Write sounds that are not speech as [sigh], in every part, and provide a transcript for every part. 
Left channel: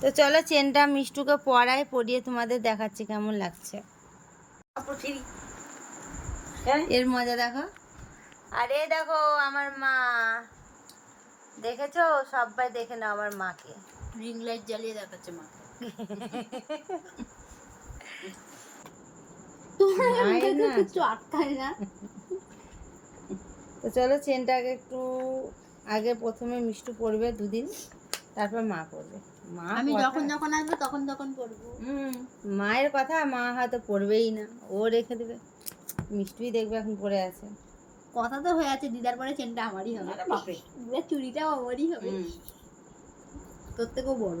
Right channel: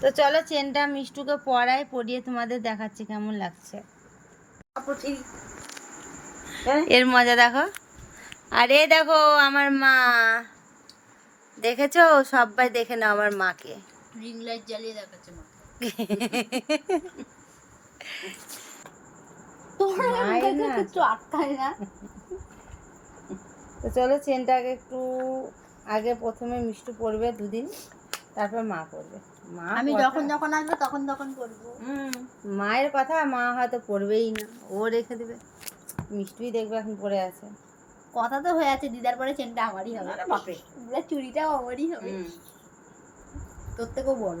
তো চলো চেনটা মিষ্টুকে পরাই পরিয়ে তোমাদের দেখাচ্ছি কেমন লাগছে। এর মজা দেখো। আরে দেখো আমার মা। দেখেছ? সবাই দেখে নাও আমার মাকে। রিং লাইট জ্বালিয়ে দেখাচ্ছে মা তো চলো চেনটা আগে একটু আগে প্রথমে মিষ্টু পড়বে দুদিন। তারপর মা পড়বে মা আমি যখন যখন আসবে তখন তখন করব। হুম, মায়ের কথা মা হয়তো পড়বেই না ও রেখে দেবে। মিষ্টিই দেখবে এখন পড়ে আছে। কথা তো হয়ে আছে দিদার পরে চেনটা আমারই হবে। দিদার চুড়িটাও আমারই হবে। তোর থেকেও বড়।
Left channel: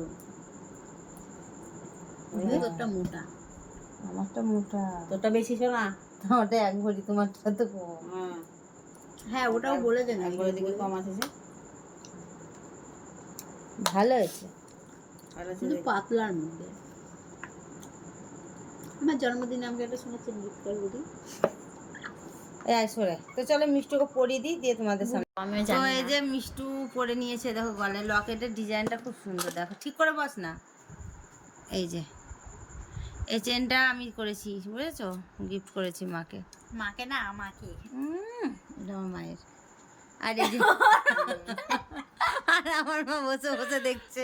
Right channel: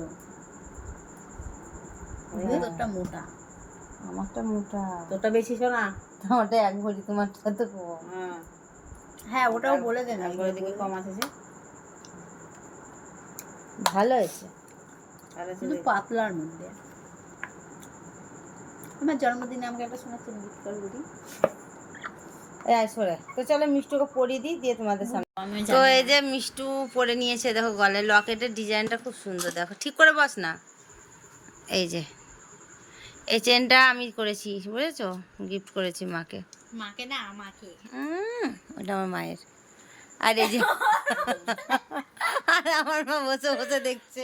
হ্যাঁ। তোরটা মোটা। আমারটা মোটা। তোরটা বেশি শোনা তোমারটা এক ভরি তোমারটা তো কম। হ্যাঁ হ্যাঁ ওটাও বলে দেন একবারের দিকে কম আছে ভালো হয়েছে। কিন্তু পাতলার মধ্যে। আমার জন্মদিনে আমাকে একটা চেন গিফট করে দিদি। এই আয় সরে। তো চলো মিষ্টুকে পরিয়ে দিই দিয়ে তোমাদের সামনে। আমি তো এই যে মিষ্টু পরে নিয়েছে দেখো গলে লকেটের ডিজাইনটা খুব সুন্দর দেখো। ঠিক করে বস না। এই যে। এই চেনটা আমি করেছি বুঝেছ? গিফট করেছি মাকে। মাকে না আমাকে। ওটা আমার মায়ের। আর এই যে [laughs] আর আমার মা বসে বসে দেখছে।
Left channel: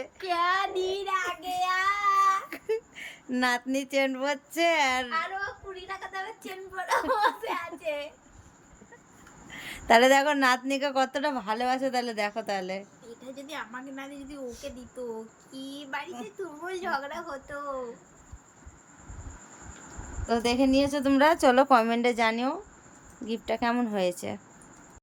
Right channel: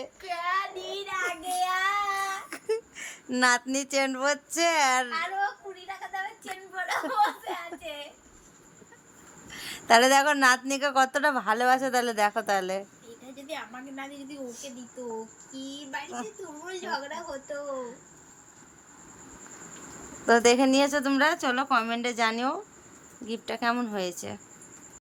নাতনি চেন পরছে আর তাহলে দেখো নাতনিকে কতটা ভালোবাসে তাহলে দেখো তাহলে। এটা যদি আমাকে না যদি ওকে দিত কি বাড়িতে তুমুল ঝগড়া হতো। তো দেখে নিয়েছো তোমরা চলো কমেন্টে জানিও গিফটটা কেমন হয়েছে।